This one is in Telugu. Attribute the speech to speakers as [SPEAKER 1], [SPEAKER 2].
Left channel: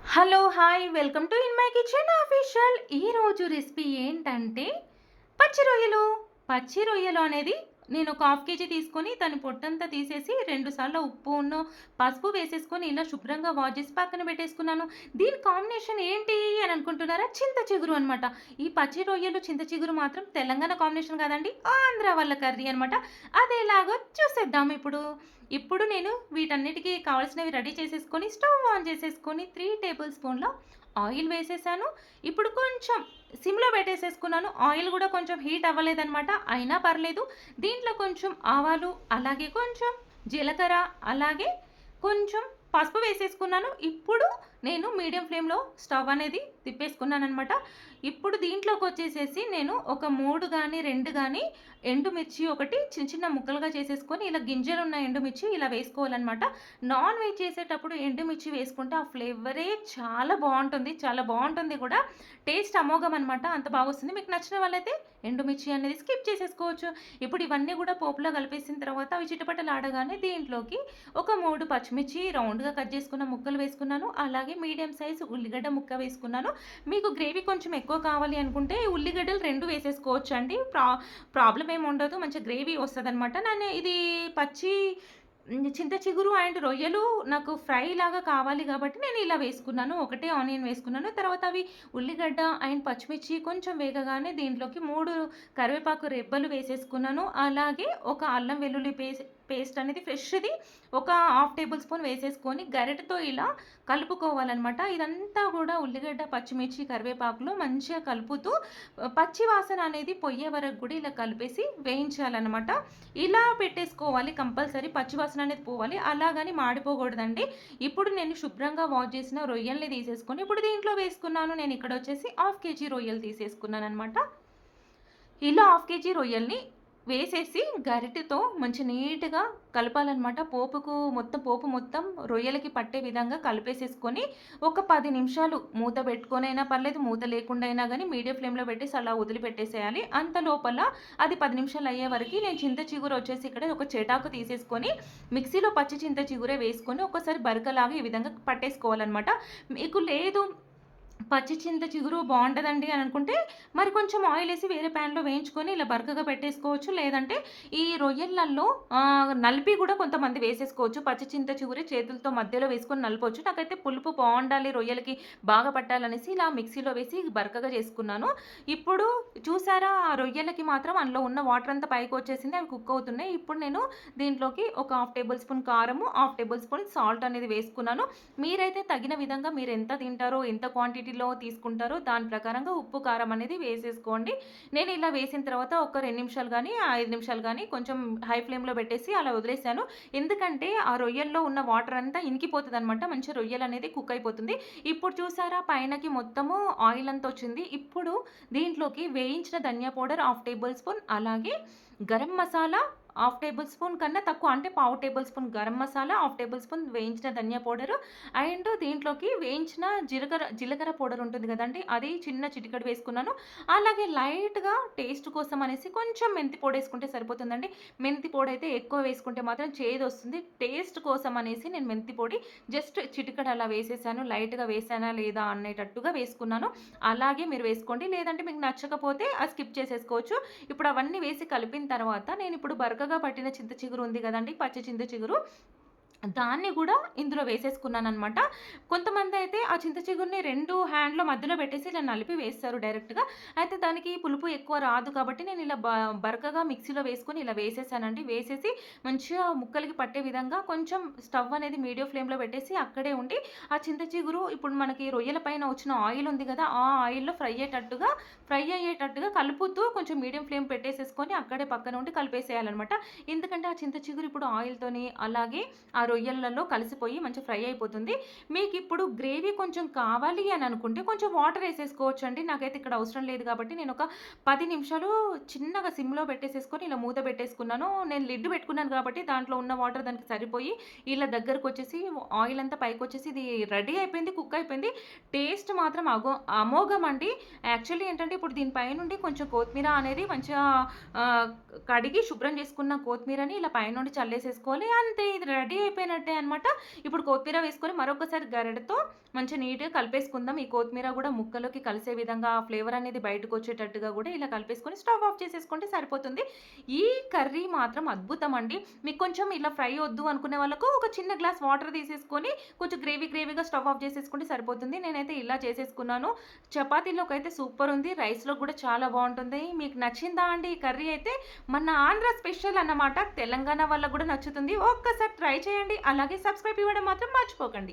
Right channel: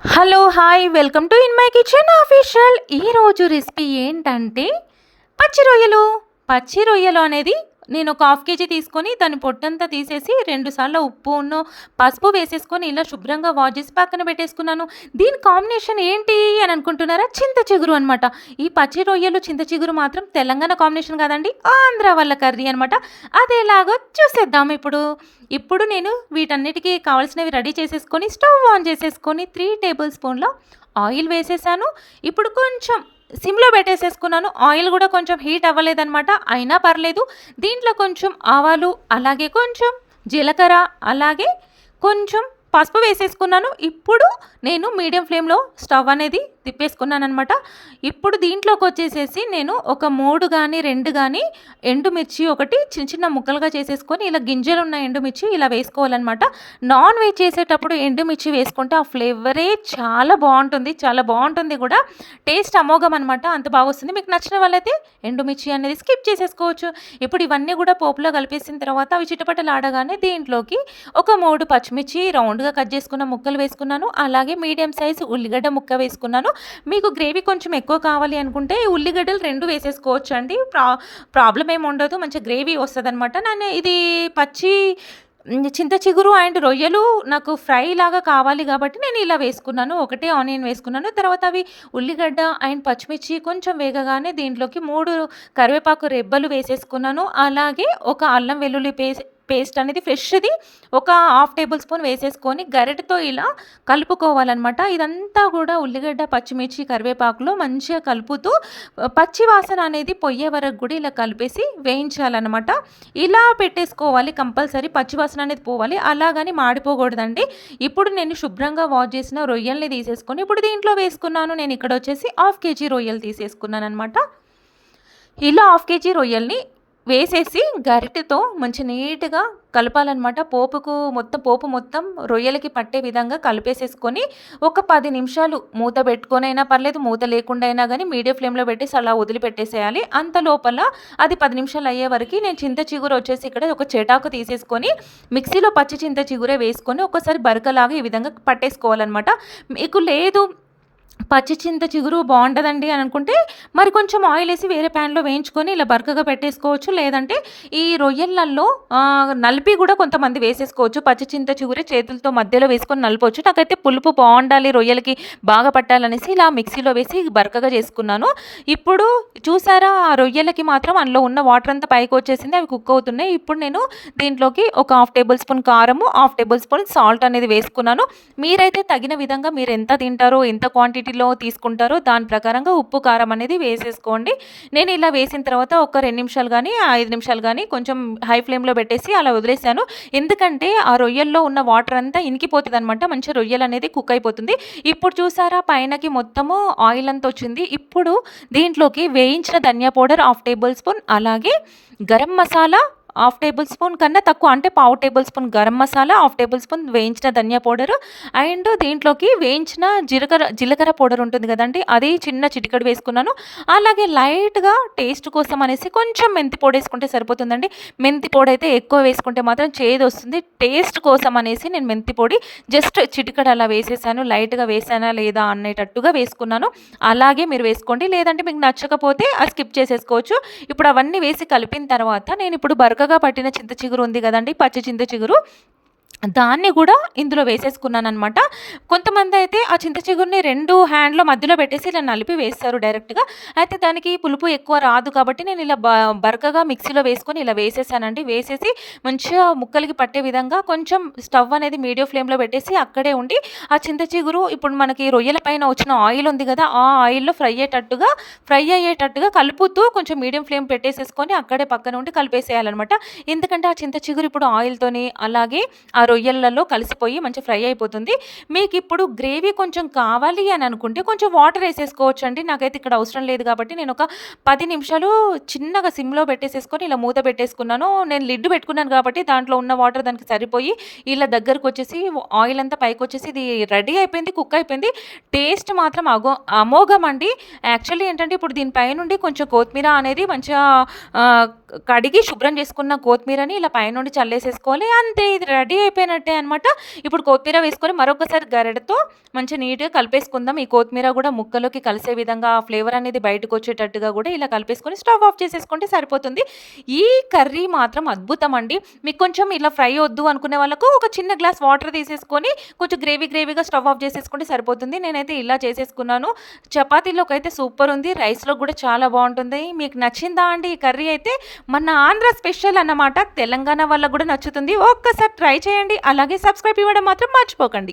[SPEAKER 1] Hello hi welcome to in my kitchen official. ఈరోజు రెసిపీ ఏంటంటే పచ్చి రొయ్యలు పచ్చి రొయ్యలు అనేది నేను ఒక హాఫ్ కేజీ తీసుకొని దాని పొట్టంతా తీసేసి రెండుసార్లు ఉప్పును ఉప్పు పసుపు వేసేసుకొని ఇలా శుభ్రంగా వాష్ చేసి పక్కన పెట్టేసుకున్నాను. దీని కాంబినేషన్ ఏంటి అని అనుకుంటున్నారా? చింత చిగురు అనమాట ఈ పచ్చి రొయ్యలు చింత చిగురు మాత్రం తెలంగాణ కాంబినేషన్ కాదండి ఆంధ్ర వాళ్ళ కర్రీ అనమాట అదేలాగో చూసేద్దాం ఇప్పుడు. ఇప్పుడు నేను వీటన్నిటికీ కావాల్సినవి రెడీ చేసేసుకొని స్టవ్ ఆన్ చేసేసుకొని త్రీ టేబుల్ స్పూన్లో ఆయిల్ వేసేసాను. ఇప్పుడు కొంచెం సిమ్లో పెట్టేసేసుకున్నాను. ఆయిల్ కూడా కొంచెం హీట్ అవ్వలేదన్నమాట. అయినా పర్లేదు. దీంట్లో కొంచెం ఆవాలు అలాగే కొంచెం జీలకర్ర అలాగే కొంచెం పసుపు వేసేసుకున్నాను. ఇప్పుడు నేను మీడియం ఫ్లేమ్లో స్టవ్ అనేది తిప్పేసుకున్నాను అనమాట ఇప్పుడు దీంట్లోకి వచ్చేసేసి నేను ఒక మూడు కానీ రెండు కానీ ఎండుమిర్చి ఒకటి చిన్న చిన్న ముక్కలుగా చేసేసుకొని ఇలా గింజలు ఉన్న ఎండుమిర్చి ఇలా వేసుకోవాలన్నమాట. నాన్ వెజ్ చేసేటప్పుడు ఎండుమిర్చి వేసుకుంటే ఆ ఫ్లేవరే చాలా బాగుంటుంది. చాలా బాగుంటుంది కూడా. టేస్ట్ అమోఘం అనమాట అంత బాగా వస్తుంది మీకు నచ్చిన వాళ్ళైతే ఎండుమిర్చి అనేది స్కిప్ చేసేసుకోవచ్చు. ఇప్పుడు ఇవన్నీ కూడా పోపులో కలిపేసిన తర్వాత అవి చిటపటలు ఆడగానే దీంట్లోకి ఒక మూడు పచ్చిమిర్చి రౌండ్గా కట్ చేసుకున్న ముక్కలు వేసుకున్నాను. అలాగే మీడియం సైజు ఉల్లిగడ్డ ముక్క వేసుకున్నాను. మీకు గ్రేవీ కొంచెం ఎక్కువ కావాలి అనుకుంటే ఈ ఉల్లిగడ్డలు రెండు వేసేసుకోవచ్చు అండి ప్రా ప్రాబ్లం ఏమి ఉండదు. మంచి గ్రేవీ వస్తుంది అనమాట నేను ఇది పచ్చి చింత చిగురు అండ్ రొయ్యలు నాకు ఫ్రై లాగా కావాలి కాబట్టి నేను ఇలా వేసుకున్నాను. ఒకటే ఆనియన్ వేసుకున్నాను. తర్వాత అవి ఉల్లిగడ్డ అండ్ పచ్చిమిర్చి కొంచెం వేగగానే దీంట్లోకి మూడు కరివేపాకు రెబ్బలు వేసేసుకున్నాను. అలాగే ఒక అల్లం వెల్లుల్లి పేస్ట్ పేస్ట్ అనేది ఫ్రెష్ది ఒక హాఫ్ టేబుల్ స్పూన్ వేసేసుకొని గరిటతో ఇలా కలుపుకోవాలన్నమాట. ఇదంతా కూడా ఉల్లిగడ్డ పచ్చిమిర్చి కరివేపాకులో మంచిగా కలుపుతూ పచ్చి వాసన అనేది పొయ్యే వరకు కూడా ఇలా కలిపేసి వేయించాలన్నమాట. ఇలా పెట్టేసుకోవాలి కంపల్సరీ పచ్చి వాసన అనేది పోవాలి. అలాగని మాడిపోకూడదండి. ఇప్పుడు నేను శుభ్రంగా వాష్ చేసిన రొయ్యల్ని తీసేసుకొని ఇప్పుడు దీంట్లో వేసుకున్నాను. నేను ఇక్కడ వచ్చేసి హాఫ్ కేజీ రొయ్యలు తీసేసుకున్నాను అనమాట ఇలా హాఫ్ కేజీ రొయ్యల్ని వేసేసి గరిటెతో మంచి నీట్గా కలపాలన్నమాట. పోపుకు మొత్తం పోపు మొత్తం రొయ్యలకి పట్టే విధంగా కలిపేసేసుకొని ఒక పది నిమిషాలు మూత పెట్టుకొని అయినా పర్లేదు మూత లేకుండా అయినా కానీ మీడియం ఫ్లేమ్లో పెట్టేసి అలా వదిలిపెట్టేసేయాలి. అంత లోపల అది పది నిమిషాలు అయ్యే వరకు నేను చింత చిగురు వచ్చేసి ఇక్కడ ఒక చెటాకు తీసేసుకొని మిక్సీలో పచ్చి చింత చిగురే వేసుకొని ఒకసారి బరకలాగా ఈ విధంగా పట్టేసుకోవాలన్నమాట. మీకు లేదు పచ్చి చింత చిగురు బాగుంటుందండి అని అనుకుంటే మరి కొంచెం ఆయిల్ వేసి వేరే ప్యాన్లో వేయించుకొని ఇలా బరకగా పెట్టేసుకోవచ్చు. లేదంటే ఈ రొయ్యలల్లో నలిపి కూడా కొంతమంది వేసేసుకోవచ్చు. పచ్చి చింత చిగురే చేతులతో మధ్యలో వేసుకొని నలపవచ్చు నాకైతే పులుపు బాగుండాలి రొయ్యలకి బాగా పట్టాలనేసి ఇలా మిక్సీలో వేసి బరకగా చేసుకున్నాను. ఇప్పుడు చూసారా ఆ రొయ్యలకి మాత్రం అందులో ఉన్న వాటర్ అంతా పైకి వచ్చేసింది అవి కుక్ అవుతున్నాయి. ఇప్పుడు నేను దీంట్లోకి ఒక హాఫ్ టేబుల్ స్పూన్ కారము హాఫ్ టేబుల్ స్పూన్ సాల్ట్ అనేది వేసుకున్నాను. మీరైతే తగిన విధంగా మీరు ఎంత తింటారో ఎంత క్వాంటిటీ క్వాంటిటీలో తీసుకుంటారో. దాని ప్రకారంగా ఉప్పు కారం అనేది వేసేసుకోండి. నేను ఇలా వేసిన తర్వాత ఒక రెండు నిమిషాలు కానీ ఐదు నిమిషాలు కానీ కొంచెం హై ఫ్లేమ్లో పెట్టేసి అలా వదిలేసాను. ఎందుకంటే ఆ రొయ్యల్లో ఉన్న వాటర్ అంతా ఇనికిపోతుంది అనమాట మంచి రొయ్యలు అనేది కుక్ అయిపోతుంది. ఇప్పుడు చూసారా పైనకి మొత్తము ఆయిల్ అంతా వచ్చింది. ఇప్పుడు దీంట్లోకి వేయించిన ధనియా పౌడర్ హాఫ్ టేబుల్ స్పూన్ అలాగే garam masala half tablespoon కన్నా తక్కువ అంటే పావు tablespoon garam masala half tablespoon వేయించిన ధనియా పౌడర్. అండ్ దీంట్లోకి వేయించిన జీలకర్ర జీలకర్ర పౌడర్ ఉంటుంది కదండి అది చిన్న చిటికడు వేసుకున్నాను. అలాగే లైట్గా టేస్ట్ కోసం అనేసి కొంచెం మెంతి పొడి వేసుకుంటే సరిపోతుందండి. మెంతి పొడి అయితే ఎక్కువ వేసుకుంటే మాత్రం చేదు వస్తుంది. టేస్ట్ కోసం అనేసి నేను మెంతి పొడి జస్ట్ చిటికడు అలా వేసేసాను. లైట్గా వేసానా లేదా అనేటట్టుగా వేసుకున్నాను. అలాగే మీరు వేసుకోండి. లేదంటే మీకు నచ్చకపోతే అది స్కిప్ చేసేసుకోవచ్చు. ఇప్పుడు అవన్నీ వేసి కలిపిన తర్వాత నేను ఇప్పుడు బరకగా పట్టిన చింత చిగురు ఉంది కదండి పచ్చి చింత చిగురు. దాన్ని కూడా ఇందులో వేసేసుకున్నాను అనమాట కొంతమంది అయితే ఆ చింత చిగురిని రెండు హ్యాండ్లో మధ్యలో పెట్టేసి ఇలా నలిపి వేస్తారు డైరెక్ట్గా. అయితే దానికి పులుపు ఎక్కువ రాదు కాబట్టి నేను ఇలా బ బరకగా మిక్సీలో వేసుకొని ఇలా వేసేసానండి. వేసేసి మంచిగా ముక్కలకి పట్టే విధంగా కొంచెం స్టవ్ అనేది మీడియం ఫ్లేమ్లో పెట్టేసి అక్కడే ఉండి ఆ చింత చిగురు ఇప్పుడు మనకి రొయ్యల పైన వచ్చిన ఆయిల్ ఉంది కదా ఆ ఆయిల్లో ఫ్రై అయ్యేటట్టుగా ఫ్రై అయ్యేటట్టుగా కలుపుతూ కొంచెం మీడియం ఫ్లేమ్ పెట్టేసేసుకొని అక్కడే పక్కన ఉండి కలిపేసేయాలన్నమాట. ఎందుకంటే ఆ చింత చిగురు ఇప్పుడు ఆయిల్తోని అలాగే ఆ రొయ్యలలో కలిసిపోయి మంచి ఫ్రై అయిపోతుంది. మీకు ఇప్పుడు గ్రేవీ కొంచెం కావాలి అని అనుకుంటే కొంచెం వాటర్ వేసేసుకోవచ్చు అండి నాకైతే ఇక్కడ అవసరం లేదు కాబట్టి నేను ఒక పది నిమిషాలు చిన్నగా సిమ్లో పెట్టేసేసుకొని ఇలా మూత పెట్టేసుకున్నాను. నేను లిడ్ పెట్టుకున్నాను కాబట్టి దాంట్లో ఉన్న వాటర్ దానికి సరిపోయి ఇలా దగ్గరకు వచ్చేసి ఆయిల్ అంతా పైకి వచ్చేసి ఇది రెడీ అయిపోయింది కుక్ అయిపోయింది. టేస్ట్ మాత్రం అగో అమోఘం అండి. యాక్చువల్లీ ఏంటంటే ఇప్పుడు దీనిపై నుండి కొంచెం కొత్తిమీర అనేది మంచిగా కడిగి శుభ్రం చేసుకున్న కొత్తిమీరని ఇలా పైనుండి చల్లేసేసుకోవాలి. అంతే ఇది రెడీ అయిపోయింది. అయిపోయినట్టే అనమాట ఇప్పుడు కొత్తిమీర వేసుకొని మరొకసారి గరెడతో మంచి నీట్గా కలిపేసుకుందాం. ఈ కొత్తిమీర కూడా ముక్కలోకి కలిసే విధంగా ఫ్లేవర్ అనేది బయటకు వచ్చేటట్టుగా కూడా ఇలా కలిపేసుకొని స్టవ్ ఆఫ్ చేసేసుకుంటే సరిపోతుంది. ఈ కర్రీ మాత్రం అద్భుతం అండి. మీకు కొంచెం ఇలా ఫ్రై వద్దు అనుకునే వాళ్ళకు ఒక చిన్న గ్లాస్ వాటర్ తీసేసుకొని కొంచెం గ్రేవీ గ్రేవీగా స్టవ్ ఆఫ్ చేసేసుకుంటే సరిపోతుంది. నేనైతే ఇలా చేసేసుకున్నాను. చపాతీలోకి అయితే సూపర్ ఉంది. రైస్లో కూడా చాలా బాగుంటుంది. మీకు నచ్చిందా అండి ఈ కర్రీ అయితే మన ఆంధ్ర స్పెషల్ అన్నమాట. తెలంగాణ వాళ్ళకు కూడా నచ్చుతుంది. ఒక్కసారి ట్రై చేయండి. చేయండి. అలాగే సబ్స్క్రైబ్ ఇవ్వడం మాత్రం మర్చిపోకండి.